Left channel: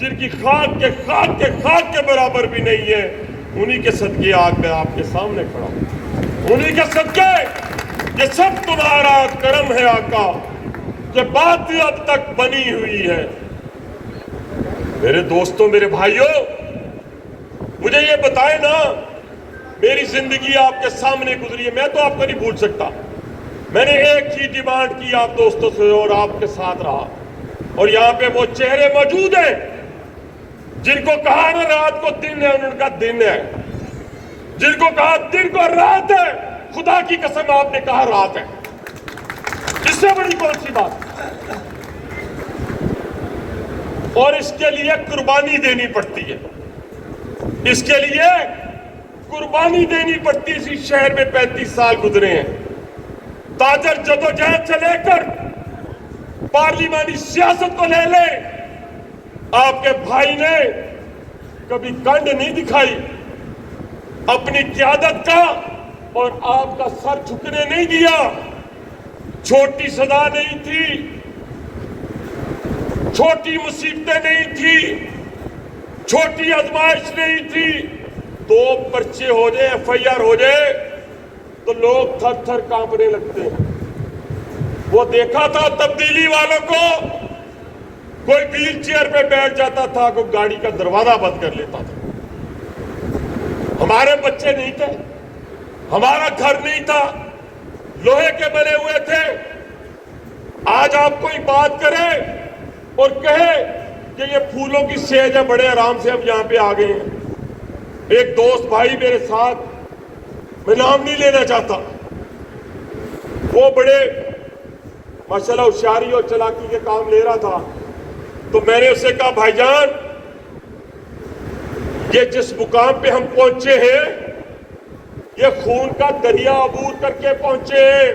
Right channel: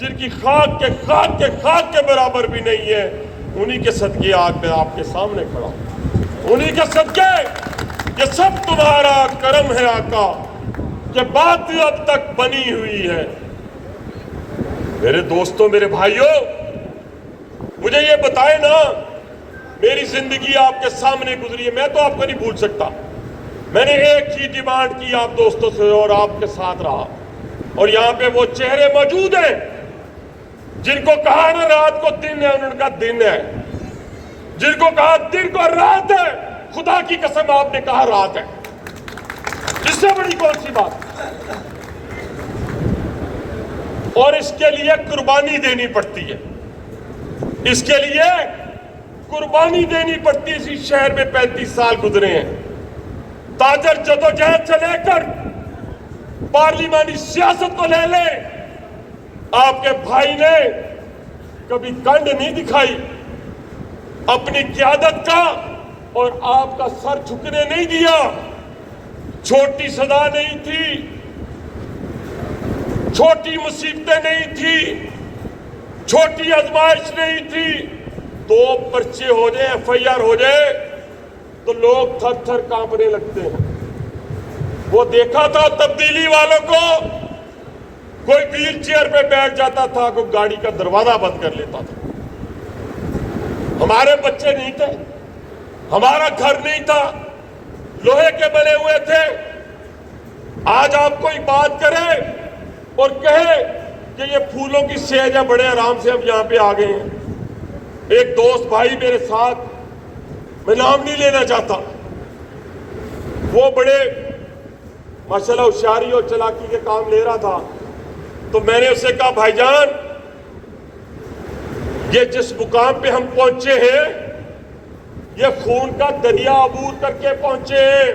جن کی خاک کے برابر بھی نہیں ہے، انہی کے صدقے آج میں آپ کے سامنے کھڑا ہوں۔ انہی کے صدقے یہ سب تمہارا کرم ہے آقا کہ بات ہی اب تک بنی ہوئی ہے۔ میرے دوستوں، میرے بھائیوں، مجھے یہ بتائیں نا، میری زندگی آپ کے سامنے گزری ہے، میں تو آپ کو نہیں بھول سکتا۔ میں نے ایک ہی ڈیمانڈ کی آپ دوستوں سے اور آپ کے ساتھ رہا، اور یہاں پہ وہ چہرے موجود ہیں جن کو کہا نا رات کو دن ہے، ان کا دن ہے، جن کو کہا دن کو رات ہے، خدا کی قسم آپ نے کہا رات ہے، اس سے بڑی کون سی بات؟ اور اس کے لیے قربانی دینی پڑتی ہے، اس کے لیے قربانی دینی پڑتی ہے۔ اسی شہر میں 35 سال گزرے ہیں، تاجر جدوجہد سے لے کر پارلیمانی سیاست کو لے لیں، آپ کے بھائی نے کبھی کنڈ نہیں دکھائی اپنی قیادت کا، اور آپ کا سر جھکنے نہیں دیا۔ چھوٹی سزا نہیں تھی، چھوٹی مصیبتیں نہیں تھی، چھوٹی آزمائش نہیں تھی۔ 2 پرچے ہو جائے، FIR ہو جائے تو لوگ تھر تھر کانپنے لگتے ہیں۔ وہ دیکھا تھا تبدیلی والوں کو، کوئی ویل چیئر پہ بیٹھ جاتا تھا، کوئی گاڑی کا دروازہ بند کر لیتا تھا۔ ہمارے بچے نہیں تھے، ہمارا گھر نہیں تھا، لوہے کے بنے ہوئے تھے۔ آج آپ کوئی بات کرے اور کہے کہ یہ پھولوں کی سیج ہے، بڑے آرام سے ہم یہاں پہ آ گئے ہیں۔ ایک دوست بھائی میرے ساتھ، میں نام نہیں لینا چاہتا، وہ بڑے ماشاءاللہ ہوشیاری اور چلاکی کے کام لے رہا تھا، تو میں نے اسے کہا بھائی جان، یہ جس مقام پہ ہم پہنچے ہیں یہ خون کا دریا عبور کر کے پہنچے ہیں،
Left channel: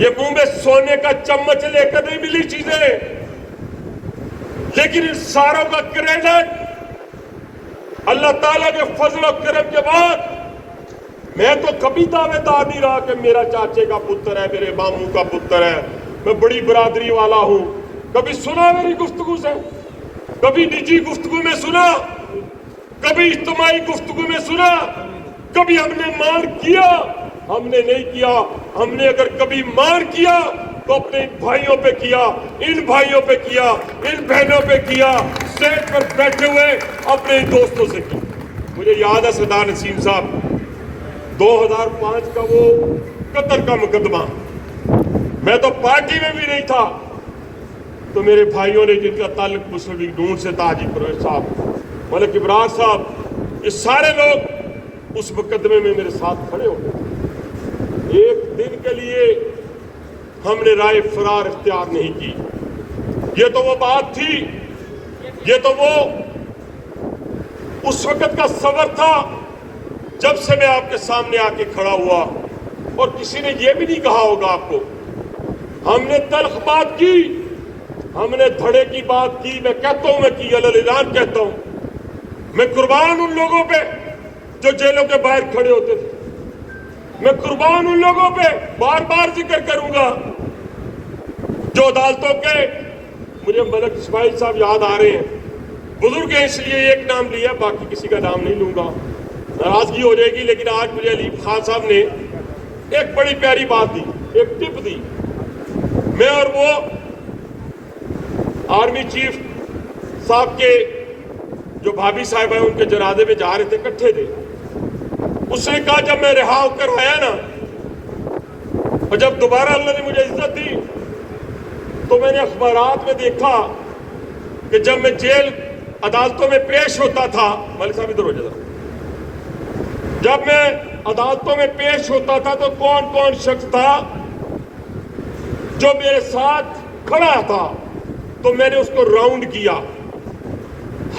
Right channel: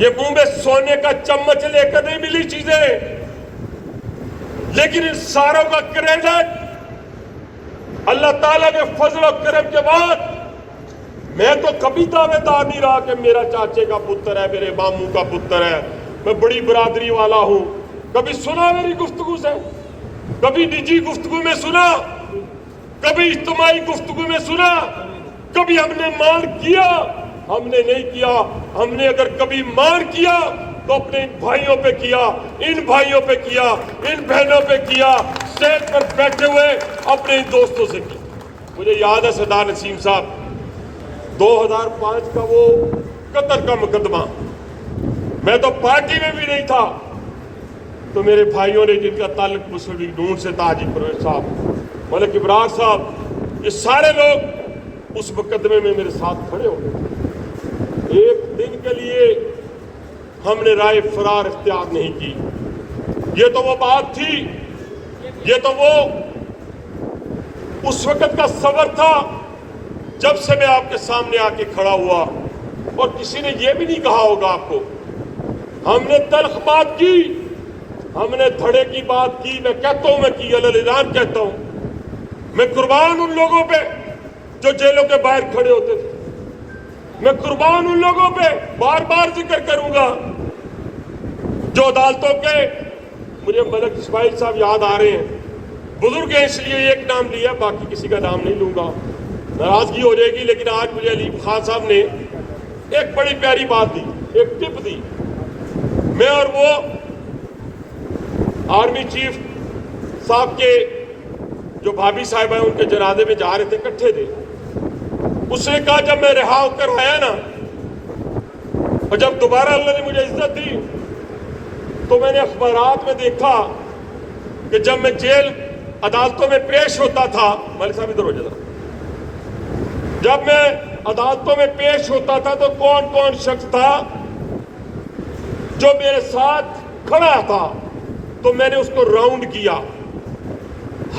یہ منہ میں سونے کا چمچ لے کر نہیں ملی چیزیں، لیکن ان ساروں کا کریڈٹ اللہ تعالیٰ کے فضل و کرم کے بعد میں تو کبھی دعوے دار نہیں رہا کہ میرا چاچے کا پتر ہے، میرے ماموں کا پتر ہے، میں بڑی برادری والا ہوں۔ کبھی سنا میری گفتگو سے، کبھی نجی گفتگو میں سنا، کبھی اجتماعی گفتگو میں سنا، کبھی ہم نے مان کیا؟ ہم نے نہیں کیا۔ ہم نے اگر کبھی مان کیا تو اپنے ان بھائیوں پہ کیا، ان بھائیوں پہ کیا، ان بہنوں پہ کیا، اسٹیج پر بیٹھے ہوئے اپنے ان دوستوں سے کیا۔ مجھے یاد ہے سردار نسیم صاحب 2005 کا وہ قطر کا مقدمہ، میں تو پارٹی میں بھی نہیں تھا، تو میرے بھائیوں نے جن کا تعلق مسلم لیگ نون سے تھا، حاجی پرویز صاحب، ملک ابرار صاحب، یہ سارے لوگ اس مقدمے میں میرے ساتھ کھڑے ہو گئے۔ ایک دن کے لیے ہم نے رائے فرار اختیار نہیں کی۔ یہ تو وہ بات تھی، یہ تو وہ اس وقت کا صبر تھا جب سے میں آپ کے سامنے آ کے کھڑا ہوا، اور کسی نے یہ بھی نہیں کہا ہوگا آپ کو۔ ہم نے تلخ بات کی، ہم نے دھڑے کی بات کی، میں کہتا ہوں، میں کی اعلان کہتا ہوں، میں قربان ان لوگوں پہ جو جیلوں کے باہر کھڑے ہوتے تھے، میں قربان ان لوگوں پہ بار بار ذکر کروں گا جو عدالتوں کے، مجھے ملک اسماعیل صاحب یاد آ رہے ہیں، بزرگ ہیں اس لیے ایک نام لیا، باقی کسی کا نام نہیں لوں گا، ناراضگی ہو جائے گی، لیکن آج مجھے علی خان صاحب نے ایک بڑی پیاری بات دی، ایک ٹپ دی۔ میں اور وہ آرمی چیف صاحب کے جو بھابھی صاحب ہیں ان کے جنازے میں جا رہے تھے، اکٹھے تھے۔ اس نے کہا جب میں رہا ہو کر آیا نا، اور جب دوبارہ اللہ نے مجھے عزت دی، تو میں نے اخبارات میں دیکھا کہ جب میں جیل عدالتوں میں پیش ہوتا تھا، ملک صاحب ادھر ہو جاتا، جب میں عدالتوں میں پیش ہوتا تھا تو کون کون شخص تھا جو میرے ساتھ کھڑا تھا، تو میں نے اس کو راؤنڈ کیا،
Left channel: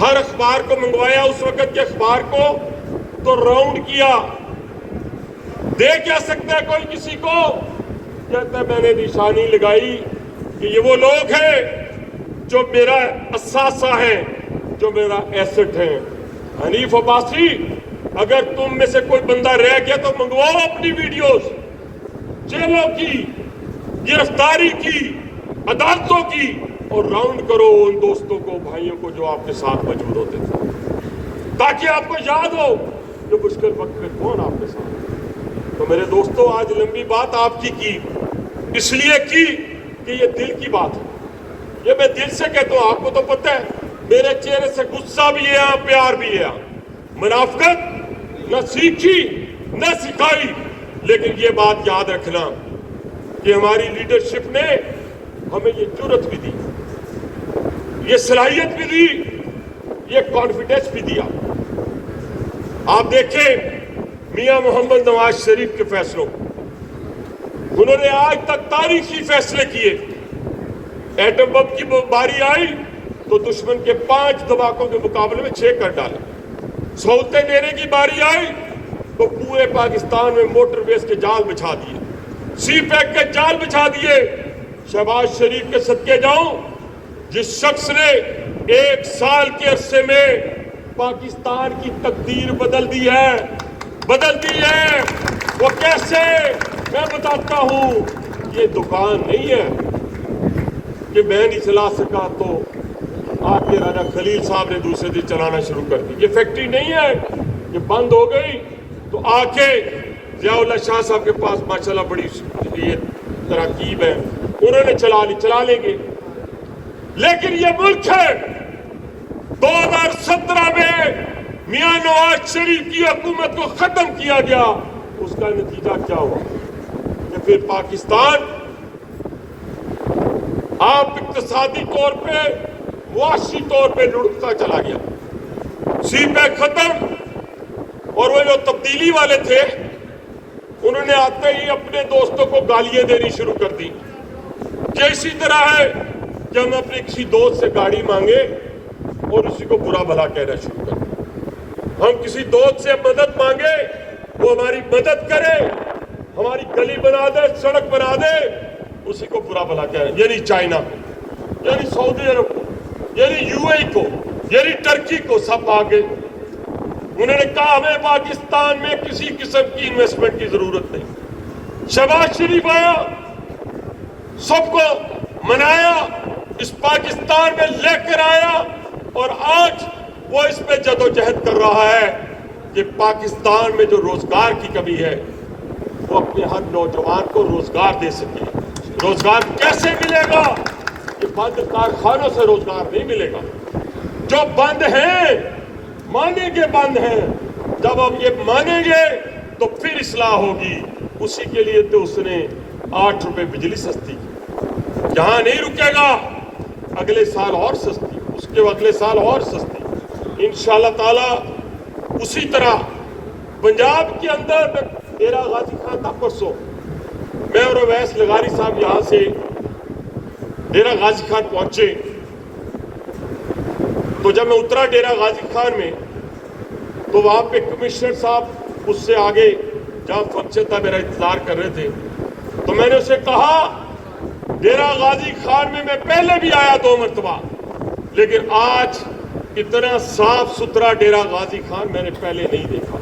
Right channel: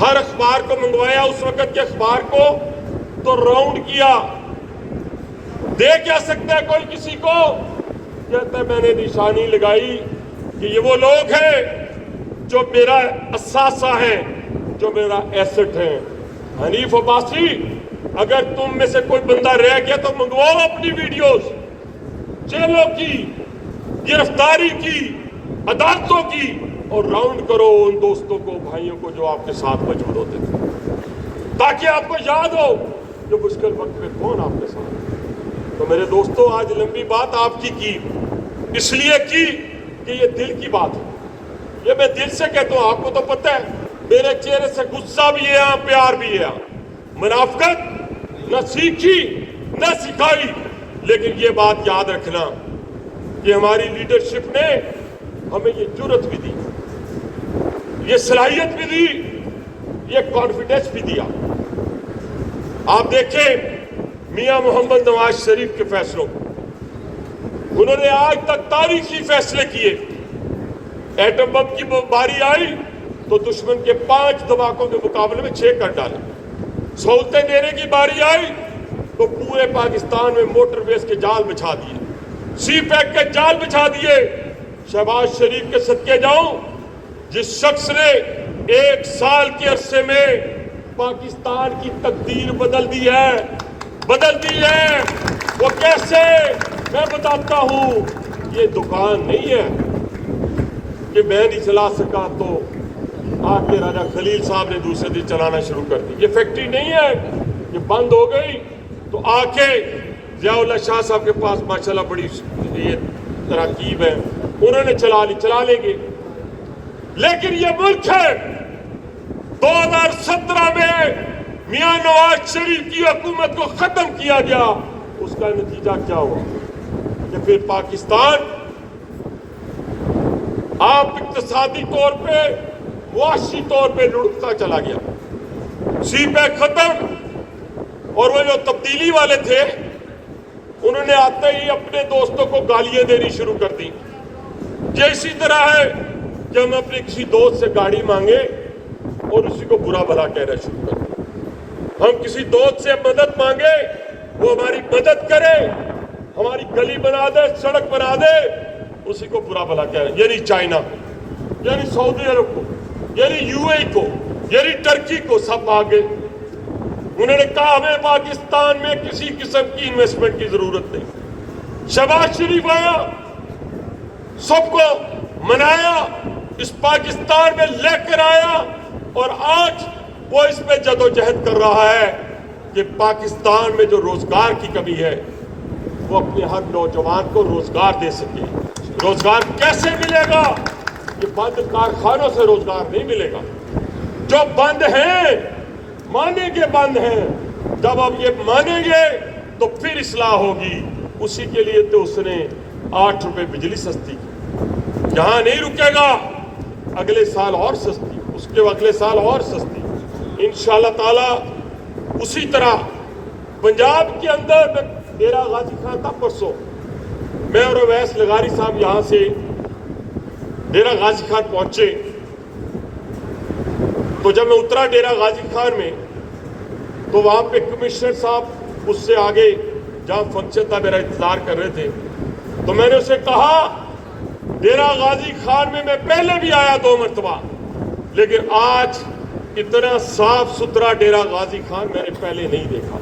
ہر اخبار کو منگوایا، اس وقت کے اخبار کو تو راؤنڈ کیا۔ دے کیا سکتا ہے کوئی کسی کو؟ کہتا ہے میں نے نشانی لگائی کہ یہ وہ لوگ ہیں جو میرا اثاثہ ہے، جو میرا ایسٹ ہے۔ حنیف عباسی، اگر تم میں سے کوئی بندہ رہ گیا تو منگواؤ اپنی ویڈیوز، جیلوں کی، گرفتاری کی، عدالتوں کی، اور راؤنڈ کرو ان دوستوں کو, بھائیوں کو جو آپ کے ساتھ موجود ہوتے تھے, تاکہ آپ کو یاد ہو کہ مشکل وقت میں کون آپ کے ساتھ. تو میرے دوستوں, آج لمبی بات آپ کی اس لیے کی کہ یہ دل کی بات ہے. یہ میں دل سے کہتا ہوں, آپ کو تو پتہ ہے میرے چہرے سے غصہ بھی ہے, پیار بھی ہے. منافقت نہ سیکھی نہ سکھائی, لیکن یہ بات یاد رکھنا کہ ہماری لیڈرشپ نے ہمیں یہ جرأت بھی دی, یہ صلاحیت بھی دی, یہ کانفیڈنس بھی دیا. آپ دیکھیں میاں محمد نواز شریف کے فیصلوں کو, انہوں نے آج تک تاریخی فیصلے کیے. ایٹم بم کی باری آئی تو دشمن کے 5 دھماکوں کے مقابلے میں 6 کر ڈالے. سہولتیں دینے کی باری آئی تو پورے پاکستان میں موٹر ویز کے جال بچھا دیے, سی پیک کے جال بچھا دیے. شہباز شریف کے صدقے جاؤں, جس شخص نے 1 سال کے عرصے میں پاکستان کی تقدیر بدل دی ہے. وہ کیسے, میں بتاتا ہوں. یہ دکان نہیں ہے کہ میں نہیں چلا سکا تو آپ کے راجہ خلیل صاحب نے دوسرے دن چلانا شروع کر دی. یہ فیکٹری نہیں ہے کہ بند ہو گئی تو آ کے ضیاء اللہ شاہ صاحب کے پاس ماشاءاللہ بڑی یہ تراکیب ہے, انہوں نے چلا لیں گے. لیکن یہ ملک ہے 2017 میں میاں نواز شریف کی حکومت کو ختم کیا گیا. اس کا نتیجہ کیا ہوا کہ پھر پاکستان آپ اقتصادی طور پہ, معاشی طور پہ لڑکتا چلا گیا. سی پیک ختم, اور وہ جو تبدیلی والے تھے انہوں نے آتے ہی اپنے دوستوں کو گالیاں دینی شروع کر دی. کہ اسی طرح ہے کہ ہم اپنے کسی دوست سے گاڑی مانگے اور اسی کو برا بھلا کہنا شروع کر دیں. ہم کسی دوست سے مدد مانگے, وہ ہماری مدد کرے, ہماری گلی بنا دے, سڑک بنا دے, اسی کو برا بھلا کہہ رہے ہیں. یعنی چائنا کو, یعنی سعودی عرب کو, یعنی یو اے کو, یعنی ٹرکی کو, سب آگے. انہوں نے کہا ہمیں پاکستان میں کسی قسم کی انویسٹمنٹ کی ضرورت نہیں. شہباز شریف آیا, سب کو منایا, اس پاکستان میں لے کر آیا, اور آج وہ اس پہ جدوجہد کر رہا ہے کہ پاکستان میں جو روزگار کی کمی ہے وہ اپنے ہر نوجوان کو روزگار دے سکے. روزگار کیسے ملے گا؟ کہ بند کارخانوں سے روزگار نہیں ملے گا. جو بند ہیں مانیں گے بند ہیں, جب ہم یہ مانیں گے تو پھر اصلاح ہوگی. اسی کے لیے تو اس نے 8 روپے بجلی سستی کی. یہاں نہیں رکے گا, اگلے سال اور سستی, اس کے اگلے سال اور سستی. انشاءاللہ تعالی اسی طرح پنجاب کے اندر ڈیرہ غازی خان تھا پرسوں, میں اور اویس لغاری صاحب یہاں سے ڈیرہ غازی خان پہنچے. تو جب میں اترا ڈیرہ غازی خان میں تو وہاں پہ کمشنر صاحب اس سے آگے جہاں فنکشن تھا میرا انتظار کر رہے تھے. تو میں نے اسے کہا ڈیرہ غازی خان میں پہلے بھی آیا 2 مرتبہ, لیکن آج اتنا صاف ستھرا ڈیرہ غازی خان میں نے پہلے نہیں دیکھا.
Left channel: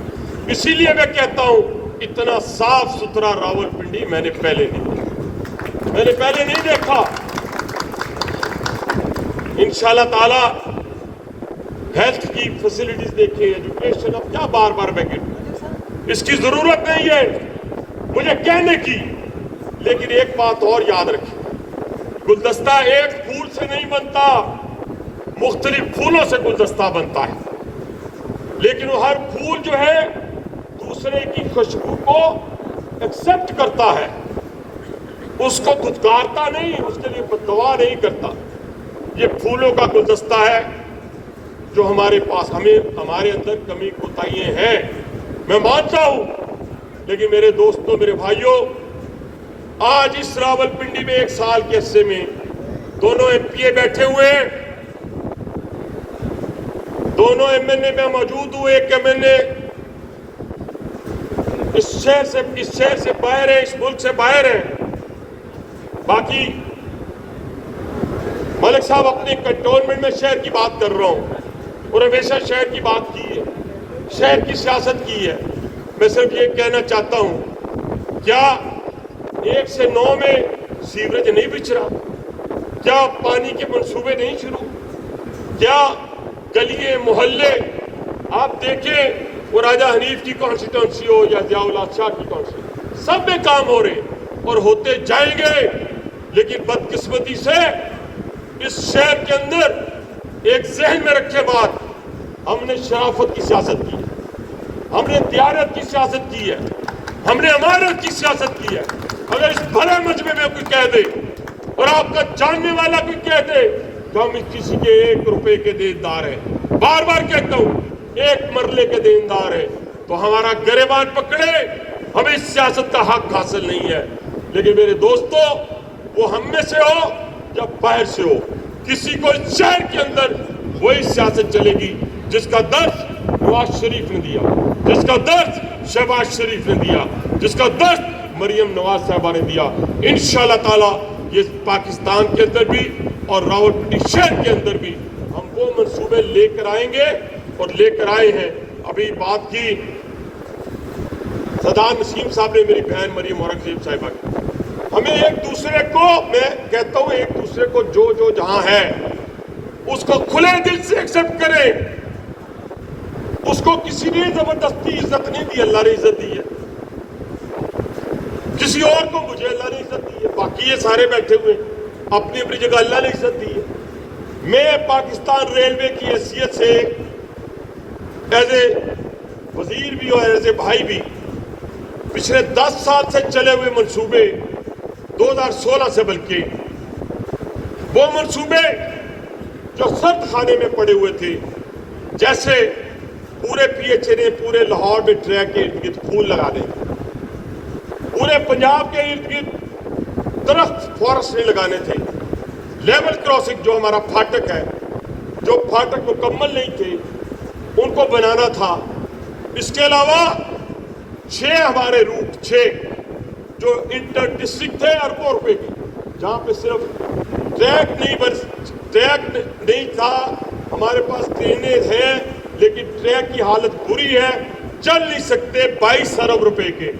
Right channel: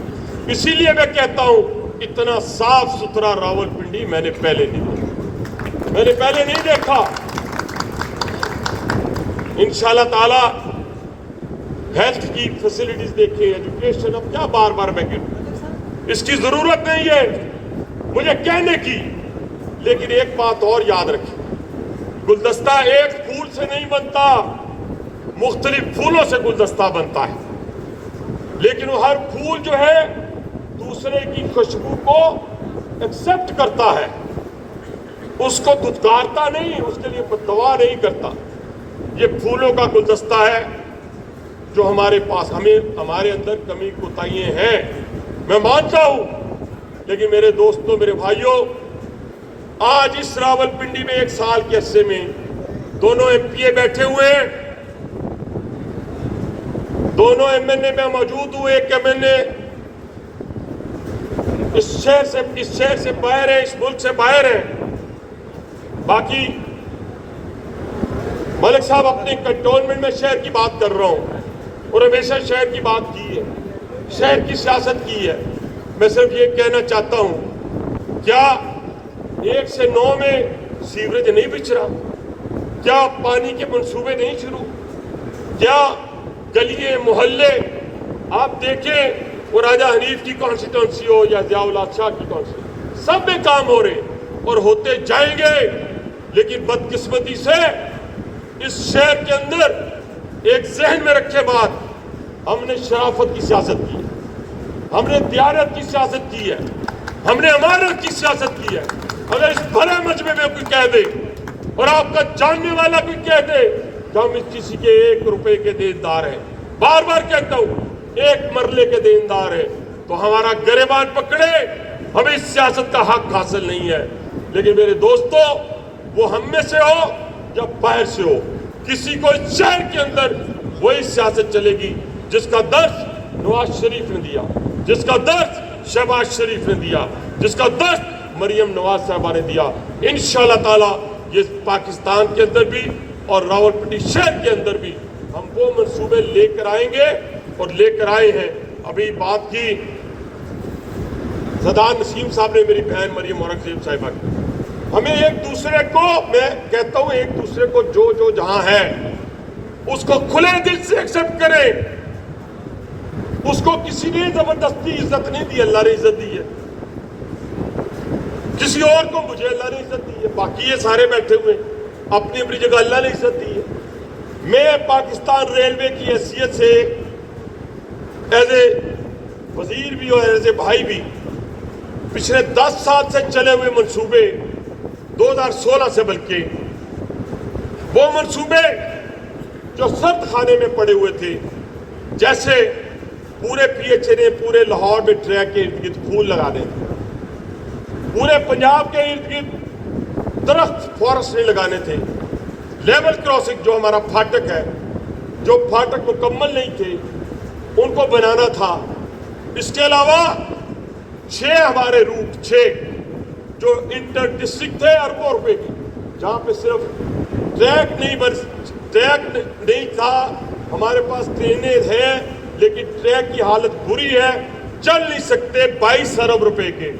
اسی لیے میں کہتا ہوں اتنا صاف ستھرا راولپنڈی میں نے پہلے نہیں دیکھا. انشاءاللہ تعالی ہیلتھ کی فیسلٹیز دیکھیں, ایجوکیشن, اب کیا بار بار میں کہوں, اس کی ضرورت نہیں ہے مجھے کہنے کی. لیکن ایک بات اور یاد رکھیں, گلدستہ ایک پھول سے نہیں بنتا, مختلف پھولوں سے گلدستہ بنتا ہے. لیکن وہ ہر پھول جو ہے دوسرے کی خوشبو کو ایکسپٹ کرتا ہے, اس کو دھتکارتا نہیں, اس کے لیے بددعا نہیں کرتا. یہ پھولوں کا گلدستہ ہے جو ہمارے پاس, ہمارے اندر کمی کوتاہیاں ہیں, میں مانتا ہوں. لیکن میرے دوستوں, میرے بھائیوں, آج اس راولپنڈی میں 1 سال کے عرصے میں دونوں ایم پی اے بیٹھے ہوئے ہیں, دونوں ایم این اے میں موجود ہوئے. ایک ایم این اے اس شہر سے باہر ہے, اس ملک سے باہر ہے. باقی ملک صاحب اپنے کنٹونمنٹ میں شہر کی بات کر رہا ہوں, اور ہمیشہ شہر کی بات کی ہے, شہر کی سیاست کی ہے. میں صرف یہ کہنا چاہتا ہوں, کیا 1 سے 9 میں سیوریج نہیں بچھ رہا؟ کیا پانی کے منصوبے نہیں شروع؟ کیا گلیے محلے آپ دیکھیں، وہ راجہ حنیف کی کانسٹیٹوینسی ہو یا ضیاء الحق شاہ کی کانسٹیٹوینسی، سب میں کام ہو رہے اور ہوتے جائیں گے. لیکن بدقسمتی سے اس شہر کے اندر ایک ذہن میں رکھے بات، ہم نے شرافت کی سیاست کی، ہم نے دیانت کی سیاست کی ہے، ہم نے امانت کی سیاست کی ہے. اگر اس بڑے مجمع میں کوئی کہہ دے اور آپ کا جاننے والا کوئی کہہ دے تو ہم اس کسی کے 1 روپے کے دیندار ہیں، بار بار کہتا ہوں 1 مرلے کے دیندار ہیں، تو ہمارا گریبان پکڑے، ہمیں اس سیاست کا حق حاصل نہیں ہے. لیکن میرے دوستو، وہ ہم میں سے ہو یا باہر سے ہو، کسی کو اس شہر کے اندر وہی سیاست چلے گی جس کا درس نواز شریف نے دیا، جس کا درس شہباز شریف نے دیا، جس کا درس مریم نواز صاحبہ نے دیا. انشاءاللہ تعالی یہ پاکستان کے اندر بھی اور راولپنڈی شہر کے اندر بھی ہم وہ منصوبے لے کر آئیں گے اور لے کر آئے ہیں. ابھی بات کی صدر نسیم صاحب نے میری بہن مریم اورنگزیب صاحبہ کی. ہمیں ایک دوسرے کو، میں کہتا ہوں ایک دوسرے کو جو جہاں ہے اس کو کھلے دل سے ایکسپٹ کریں. اس کو کسی نے زبردستی عزت نہیں دی، اللہ نے عزت دی ہے. کسی اور کو مجھے اللہ نے عزت دی ہے، باقی یہ سارے بیٹھے ہوئے اپنی اپنی جگہ اللہ نے عزت دی ہے. میں پاکستان ریلوے کی حیثیت سے ایز اے وزیر بھی اور ایز اے بھائی بھی پچھلے 10 سال سے چلے ہوئے منصوبے، 2016 سے بلکہ وہ منصوبے جو سرد خانے میں پڑے ہوئے تھے، جیسے پورے پی ایچ اے نے پورے لاہور میں ٹریک کے ارد گرد پھول لگا دیں، پورے پنجاب کے ارد گرد درخت فارسٹ نہیں لگانے تھے، لیول کراسنگ جو ہمارا پھاٹک ہے، جو پھاٹک مکمل نہیں تھے ان کو بنانا تھا. اس کے علاوہ 6 ہمارے روٹ 6 جو انٹر ڈسٹرکٹ تھے اربوں روپے کی، جہاں پہ صرف ٹریک نہیں تھا. ہمارے پاس ٹرینیں ہیں لیکن ٹریک کی حالت بری ہے، چل نہیں سکتے. 22 ارب روپے کے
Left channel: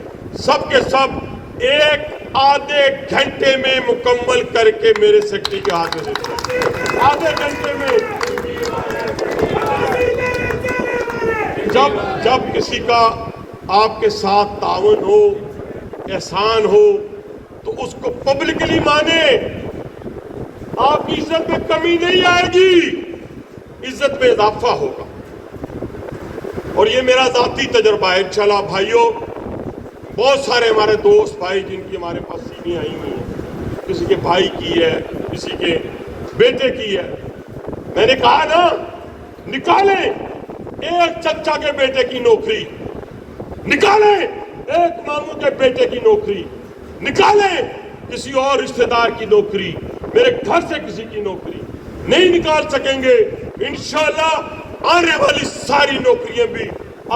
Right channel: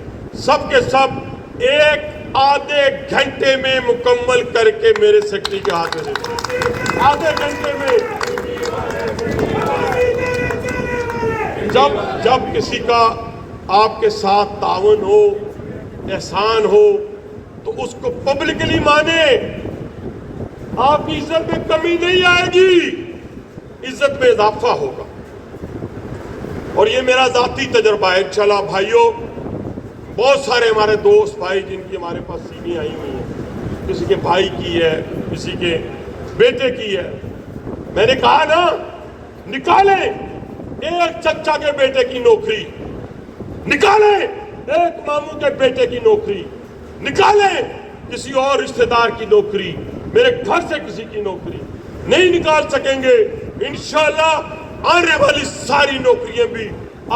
سب کے سب 1 آدھے گھنٹے میں مکمل کر کے میرے سیکرٹری کے ہاتھ میں دیتے، آدھے گھنٹے میں. جب کسی کا آپ کے ساتھ تعاون ہو، احسان ہو، تو اس کو پبلکلی مانے. آپ کی عزت میں کمی نہیں آئے گی، عزت میں اضافہ ہوگا. اور یہ میرا ذاتی تجربہ ہے. انشاءاللہ بھائیوں، بہت سارے ہمارے دوست بھائی جن کی ہمارے پاس سیویں آئی ہوئی ہیں، کسی کے بھائی کی ہے، کسی کے بیٹے کی ہے. میں نے کہا نا، نکالیں ایک چچا کے بیٹے کی نوکری، نکالیں ایک ماموں کے بیٹے کی نوکری، نکالیں کسی اور رشتہ دار کی نوکری، میرے گھر سے کسی کی نوکری نہیں نکال سکیں گے. انشاءاللہ آنے والی ساری نوکریاں بھی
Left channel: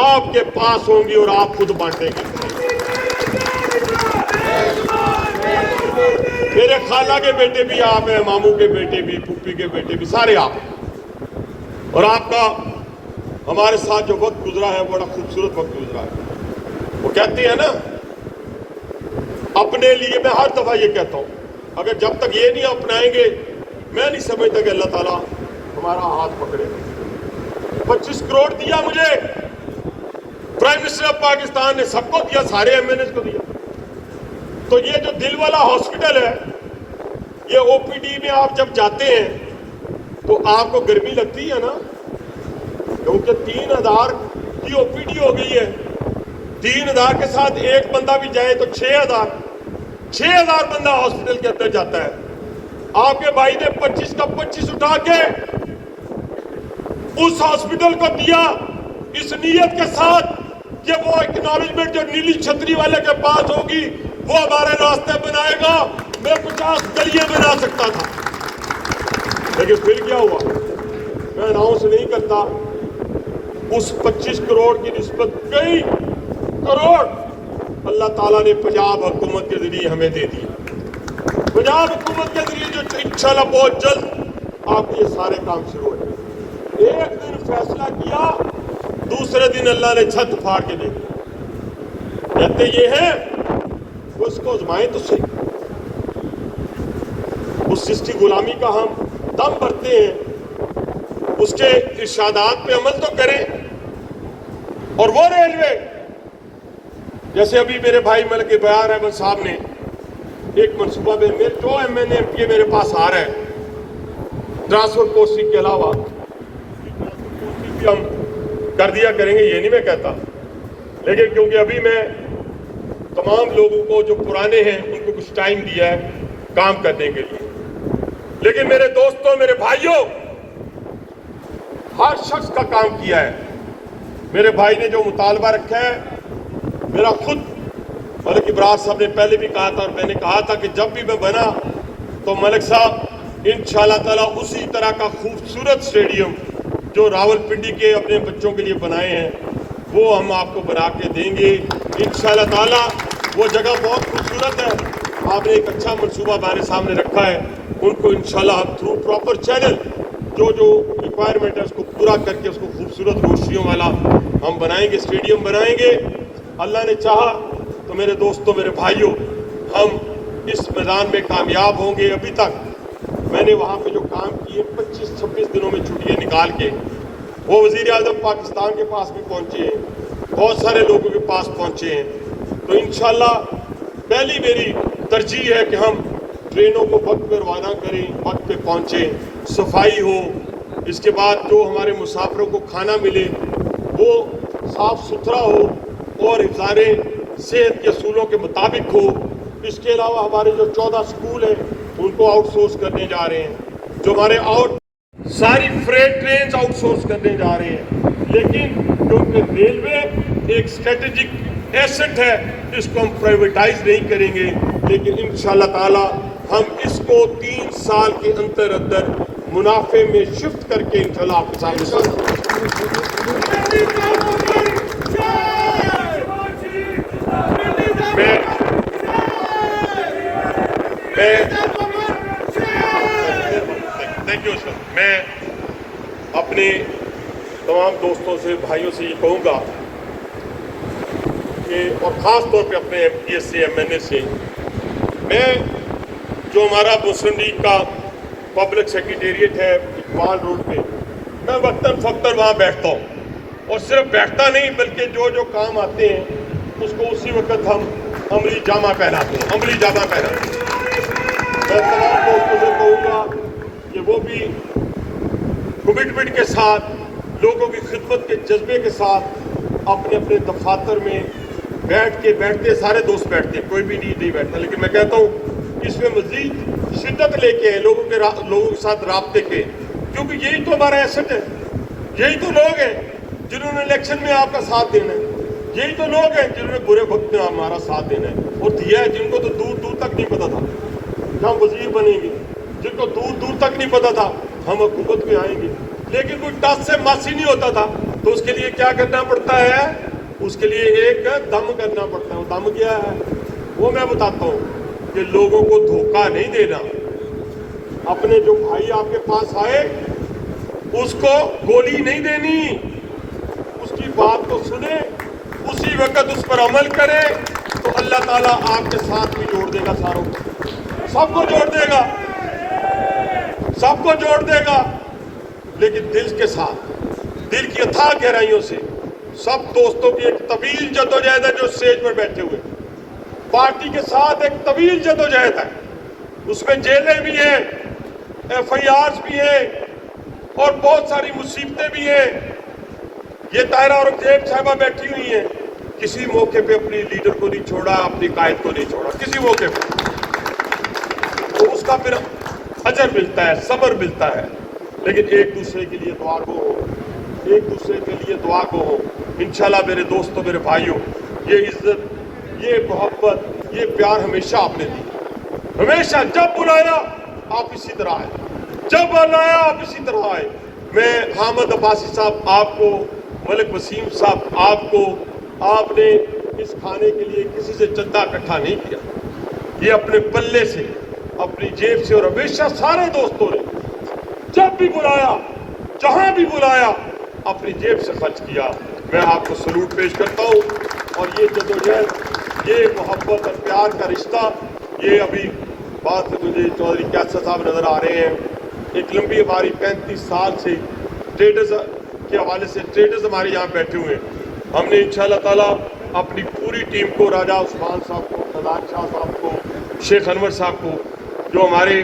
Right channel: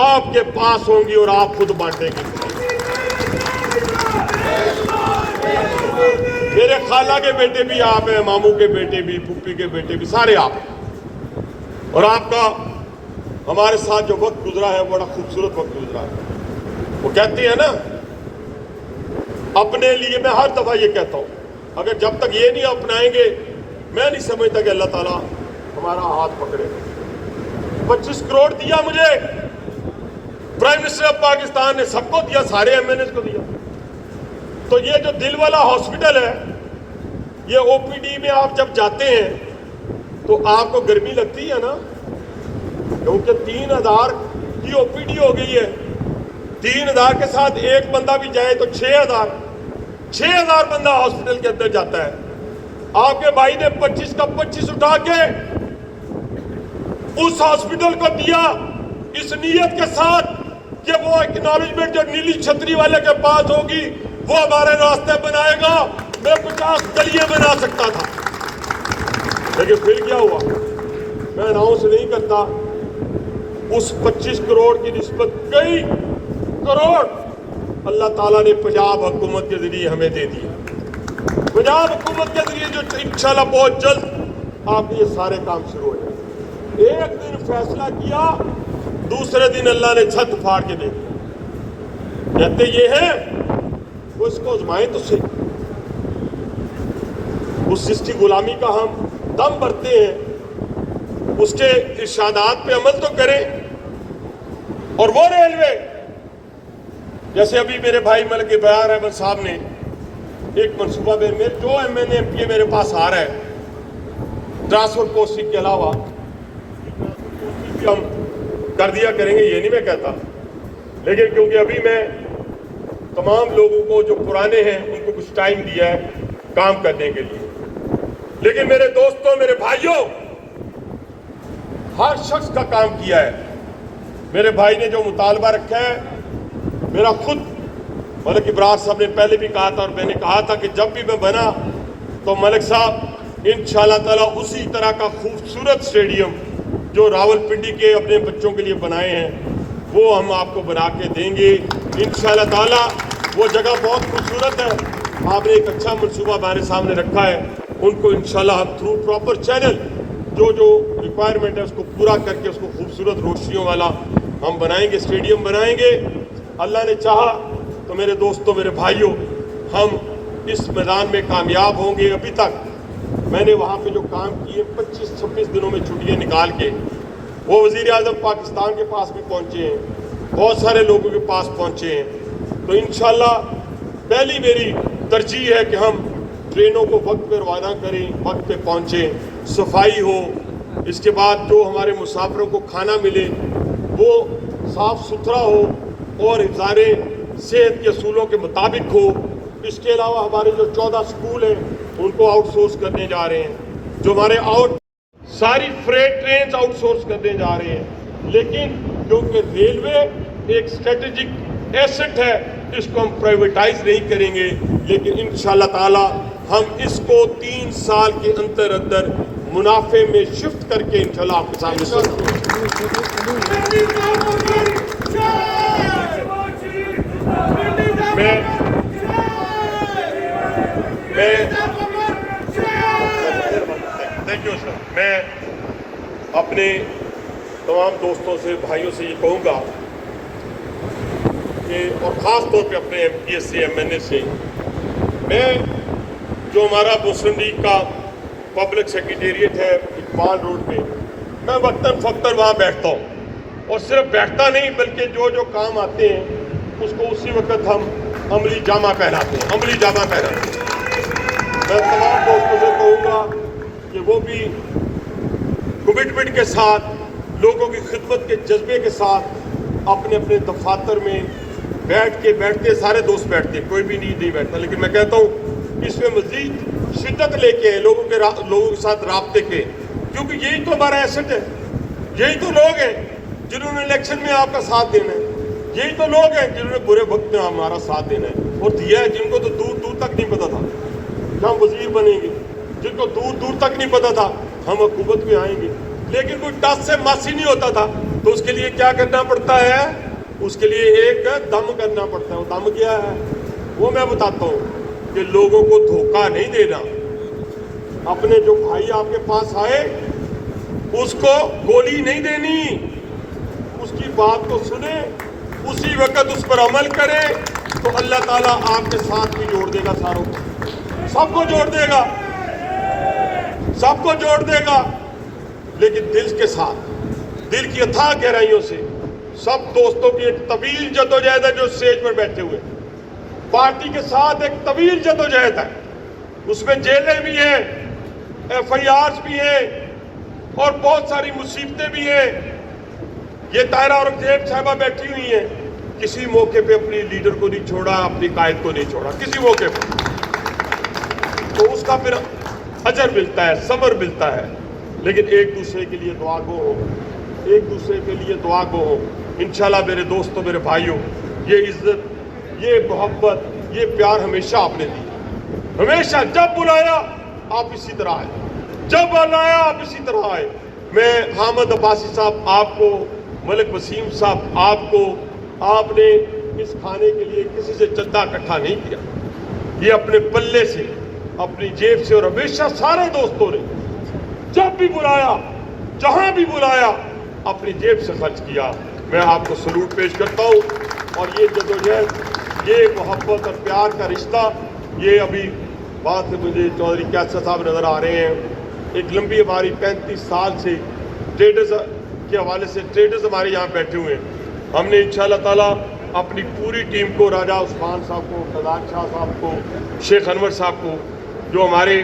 آپ کے پاس ہوں گی اور آپ خود بانٹیں گے. میرے خالہ کے بیٹے بھی آپ ہیں، ماموں کے بیٹے بھی، پھوپھی کے بیٹے بھی، سارے آپ ہیں. اور آپ کا ہمارے ساتھ جو وقت گزرا ہے بڑا خوبصورت وقت گزرا ہے. وہ کہتے ہیں نا، اپنے لیے میں ہر دفعہ یہ کہتا ہوں، اگر جب تک یہ نہیں اپنائیں گے میں نہیں سمجھتا کہ اللہ تعالیٰ ہمارا ہاتھ پکڑے. 25 کروڑ دیا مجھے پرائم منسٹر آف پاکستان نے، سب کو دیا، سارے ایم این ایز کو دیا. تو یہ جو دل والا ہاسپٹل ہے، یہ او پی ڈی میں آپ جب جاتے ہیں تو آپ کو گرمی لگتی ہے نا، کیونکہ 3000 کی او پی ڈی ہو گئی ہے. 3000 کے ساتھ ایک بندہ بھی جائے تو 6000 بندہ ہاسپٹل کے اندر جاتا ہے. آپ کے بھائی نے 25 کا 25 اٹھا کے اس ہاسپٹل کو دیا اس نیت کے ساتھ کہ وہ اکنالجمنٹ جو نیلی چھتری والے کے پاس ہوگی وہ ہمارے راستے بنائے گا. میں 50 گلیاں بنا سکتا تھا، لیکن پھر کیا ہوا؟ میں اناؤنس نہیں کرتا. اس 25 کروڑ کی نسبت کئی کروڑ اللہ تعالیٰ نے پنجاب حکومت کے ذریعے ہمیں دے دی. پنجاب حکومت کے ذریعے جو انشاءاللہ بہت جلد آپ کے یہ سارے کام شروع ہو جائیں. ایک دن فیصلہ کیا، دوسرے دن اللہ نے چھت پھاڑ کے دے دی. کہتے یہ ہے وہ اس کو آزمائیں تو صحیح، اس سسٹی غلامی کا ہم دم بھرتے ہیں، اس کے ارشادات پہ عمل تو کریں۔ اور وہ ریلوے جیسے ابھی میرے بھائی ملک بیار احمد صاحب نے ایک منصوبہ میں جو ایم پی میرے پاس آ رہا ہے ٹرانسپورٹ پوسٹنگ کے علاوہ ہم کر دیا کریں گے، یہ نہیں میں کہتا، لیکن کیونکہ ابھی میں تمام لوگوں کو جو پرانے ہیں ان کو کچھ ٹائم دیا ہے کام کرنے کے لیے۔ لیکن میرے دوستوں، میرے بھائیوں، ہر شخص کا کام کیا ہے۔ میرے بھائی نے جو مطالبہ رکھا ہے، میرا خود ملک ابراز صاحب نے پہلے بھی کہا تھا اور میں نے کہا تھا کہ جب بھی میں بنا تو ملک صاحب انشاءاللہ تعالیٰ اسی طرح کا خوبصورت اسٹیڈیم جو راول پنڈی کے اپنے بچوں کے لیے بنائے ہیں وہ ہم آپ کو بنا کے دیں گے انشاءاللہ تعالیٰ۔ وہ جگہ بہت خوبصورت ہے، آپ نے ایک اچھا منصوبہ ہمارے سامنے رکھا ہے، ان کو انشاءاللہ ہم تھرو پراپر چینل جو ریکوائرمنٹ ہے اس کو پورا کر کے اس کو خوبصورت روشنیوں والا ہم بنائیں گے، اسٹیڈیم بنائیں گے۔ اللہ نے چاہا تو میرے دوستوں، میرے بھائیوں، ہم اس میدان میں کامیاب ہوں گے۔ ابھی تک میں نے وہاں پہ جو کام کیے 25-26 دنوں میں چھٹیاں نکال کے وہ وزیر اعظم پاکستان کے پاس بھی پہنچے ہیں، بہت سارے لوگوں کے پاس پہنچے ہیں۔ تو انشاءاللہ پہلی میری ترجیح ہے کہ ہم ٹرینوں کو وقت پہ روانہ کریں، وقت پہ پہنچیں، صفائی ہو، اس کے بعد جو ہمارے مسافروں کو کھانا ملے وہ صاف ستھرا ہو اور حفظان صحت کے اصولوں کے مطابق ہو۔ اس کے علاوہ ہمارے جو 14 سکول ہیں ان کو آؤٹ سورس کرنے جا رہے ہیں، جو ہمارے ساری فریٹ ٹرینز آؤٹ سورس کرنے جا رہے ہیں۔ لیکن کیونکہ ریلوے ایک اسٹریٹجک ایسٹ ہے، اس کو ہم پرائیویٹائز نہیں کریں گے، لیکن انشاءاللہ تعالی ہم اس کو 3 سال کے اندر منافع میں شفٹ کر کے انشاءاللہ آپ کے سامنے میں اپنے تمام دوستوں سے، بھائیوں سے یہ کہوں گا کہ اور خاص طور پہ اپنے ایم پی ایس سے، ایم این اے سے، میں جو ہمارا مسلم لیگ کا پبلک سیکریٹریٹ ہے اقبال روڈ پہ، میں وقتاً فوقتاً وہاں بیٹھتا ہوں، اور صرف بیٹھتا نہیں بلکہ جو کام آتے ہیں اس کو اسی وقت ہم عملی جامہ پہناتے ہیں، عملی جامہ پہناتے ہیں۔ میں تمام دوستوں سے کہوں گا کہ وہ بھی کمٹمنٹ کے ساتھ، لوگوں کی خدمت کے جذبے کے ساتھ اپنے اپنے دفاتر میں بیٹھتے سارے دوست بیٹھتے، کوئی بھی نہیں بیٹھتا، لیکن میں کہتا ہوں اس میں مزید شدت لے کے لوگوں کے ساتھ رابطے پہ، کیونکہ یہی تو ہمارا ایسٹ ہے، یہی تو لوگ ہیں جنہوں نے الیکشن میں آپ کا ساتھ دینا ہے، یہی تو لوگ ہیں جنہوں نے برے وقت میں ہمارا ساتھ دینا ہے اور دیا ہے، جن کو تو دور دور تک نہیں پتا تھا کہ ہم وزیر بنیں گے، جن کو دور دور تک نہیں پتا تھا ہم حکومت میں آئیں گے، لیکن کوئی ٹس سے ماسی نہیں ہوتا تھا، تو اس کے لیے کیا کرنا پڑتا ہے؟ اس کے لیے ایک دم کرنا پڑتا ہے۔ وہ دم کیا ہے وہ میں بتاتا ہوں کہ لوگوں کو دھوکہ نہیں دینا، اپنے جو بھائی آپ کے پاس آئے اس کو گولی نہیں دینی، اس کی بات کو سنے، اسی وقت اس پر عمل کرے، تو اللہ تعالیٰ آپ کے ساتھ بھی جوڑ دے گا، ساروں کو، سب کو جوڑ دے گا، سب کو جوڑ دے گا، لیکن دل کے ساتھ، دل کی اتھاہ گہرائیوں سے۔ سب دوستوں کی ایک طویل جدوجہد ہے جو اسٹیج پر بیٹھے ہوئے، پارٹی کے ساتھ ایک طویل جدوجہد ہے، اس میں جیلیں بھی ہیں، ایف آئی آرز بھی ہیں اور بہت ساری مصیبتیں بھی ہیں۔ یہ طاہرہ اورنگزیب صاحبہ بیٹھی ہوئی ہیں، کسی موقع پہ اپنی لیڈر کو نہیں چھوڑا، اپنی قائد کو نہیں چھوڑا کسی موقع پہ، تو اس کا پھر اجر ملتا ہے، صبر ملتا ہے۔ لیکن ایک دوسرے کے لیے دعا گو ہو، ایک دوسرے کے لیے دعا گو ہو۔ انشاءاللہ میرے دوستوں، میرے بھائیوں، یہ عزت، یہ محبت، یہ پیار ہمیشہ آپ نے دی، ہمیشہ۔ جب بلایا آپ اسی طرح آئے، جب بلایا آپ اسی طرح آئے۔ میں حامد عباسی صاحب آپ کو، ملک وسیم صاحب آپ کو، آپ نے اس کھانے کے لیے کسی سے چندہ اکٹھا نہیں کیا، یہ اپنے پلے سے، اپنی جیب سے، اور ہمیشہ سارے دوستوں نے جب بھی بلایا، جہاں بھی بلایا، اپنی جیب سے خرچ کیا۔ میں آپ کو سلوٹ پیش کرتا ہوں، اور یہ جدوجہد، یہ محبت اور پیار کا رشتہ، یہ ابھی بعد سے مجھے چودھری کیسر صاحب نظر آ رہے ہیں. ایک لمبی ہماری 35 سال سے ٹریڈرز کے حوالے سے ٹریڈرز ہمارے یہاں بیٹھے ہوئے ہیں. ہم نے انشاءاللہ تعالیٰ اپنی پوری ٹیم کو، راجہ عثمان صاحب کو، فضال شاہ صاحب کو، شیخ انور صاحب کو، جو ہمارے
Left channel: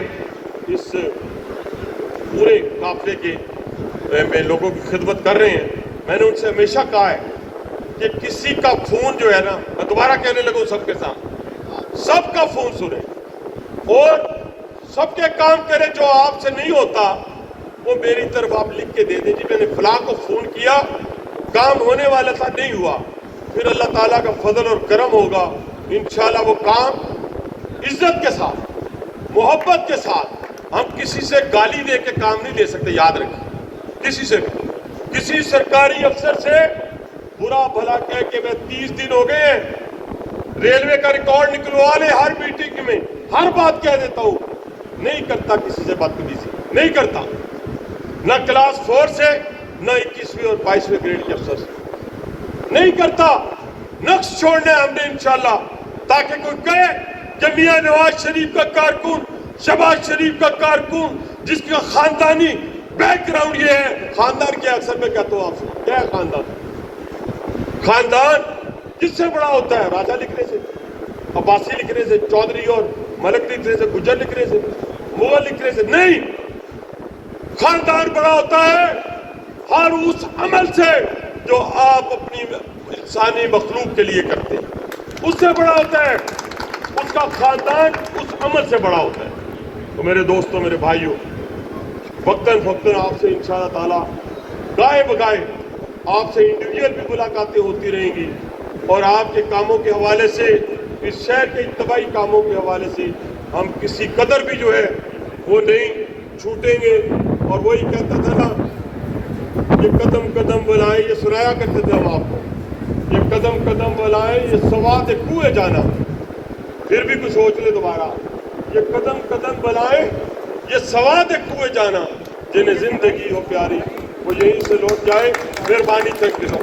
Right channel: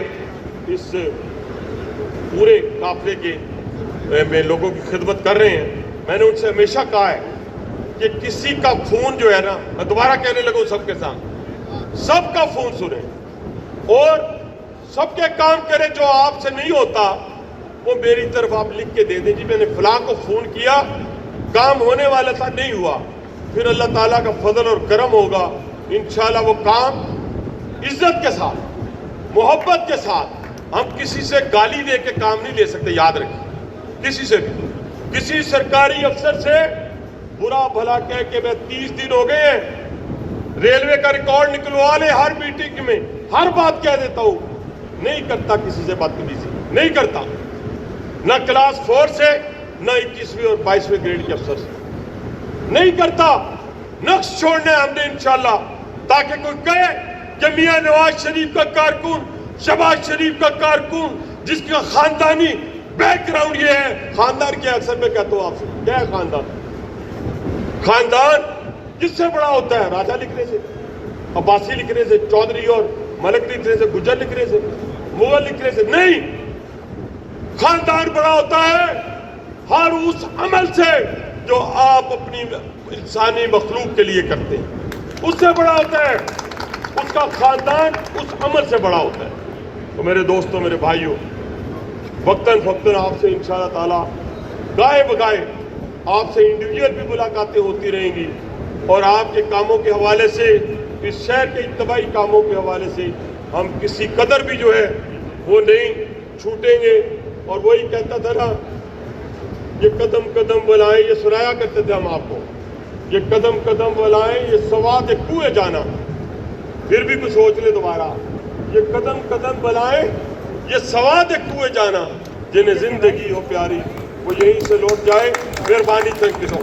اس پورے قافلے کے میں لوگوں کی خدمت کر رہے ہیں، میں نے ان سے ہمیشہ کہا ہے کہ کسی کا فون جو ہے نا، میں دوبارہ کہنے لگا سب کے ساتھ، سب کا فون سنیں اور سب کے کام کریں. جو آپ سے نہیں ہوتا وہ میری طرف آپ لکھ کے دے دیں، جی میں نے فلاں کو فون کیا، کام ہونے والا تھا نہیں ہوا. پھر اللہ تعالیٰ کا فضل اور کرم ہوگا، انشاءاللہ وہ کام عزت کے ساتھ، محبت کے ساتھ. ہم کسی سے گالی دے کے کام نہیں لے سکتے، یاد رکھیں. کسی سے بھی، کسی سرکاری افسر سے برا بھلا کہہ کہ میں 30 دن ہو گئے ریلوے کا ریکارڈ نکلوا لے، ہر میٹنگ میں ہر بات کہہ دیتا ہوں. نہیں کرتا کسی سے بدتمیزی، نہیں کرتا، نہ کلاس 4 سے، نہ 21ویں اور 22ویں گریڈ کے افسر سے نہیں کرتا. نقش چھوڑنا ہے ہم نے انشاءاللہ، تاکہ کوئی کہے کہ میاں نواز شریف کا کارکن، شہباز شریف کا کارکن، جس کا خاندانی بیک گراؤنڈ یہ ہے. خاندان کیا اکثر میں کہتا ہوں آپ سے، کیا ہے خاندان؟ خاندان کس سے بڑا ہوتا ہے؟ راجہ لکھنے سے، عباسی لکھنے سے، چودھری اور ملک لکھنے سے، گجر لکھنے سے، مغل لکھنے سے نہیں. خاندان بڑا ہوتا ہے ہر اس عمل سے جو آپ اپنی انسانی مخلوق کے لیے کرتے ہیں، اس سے بڑا ہوتا ہے. اس کا خاندان اس عمل سے بڑا ہوتا ہے. تو میرے دوستوں، میرے بھائیوں، وقتاً آپ سے انشاءاللہ تعالیٰ گائے بگائے آپ سے انڈیویجول بھی ملاقاتیں ہوتی رہیں گی، اور آپ کے کاموں کے حوالے سے، اس شہر کے اتباعی کاموں کے حوالے سے ہم کسی قدر بھی جو ہے وہ نہیں چھوٹیں گے. اور وہی کہتا تھا نا، یہ قدم قدم بلائیں، یہ سنایا کرتے تھے ہم آپ کو، یہ قدم قدم بلائیں، یہ سواد کوئے جانا. پھر بھی کچھ سوچ لیں دوبارہ، یہ قدم قدم بلائیں، یہ سواد کوئے جانا. جنہیں زندگی ہو پیاری وہ یہیں سے لوٹ جائے. مہربانی، تھینک یو.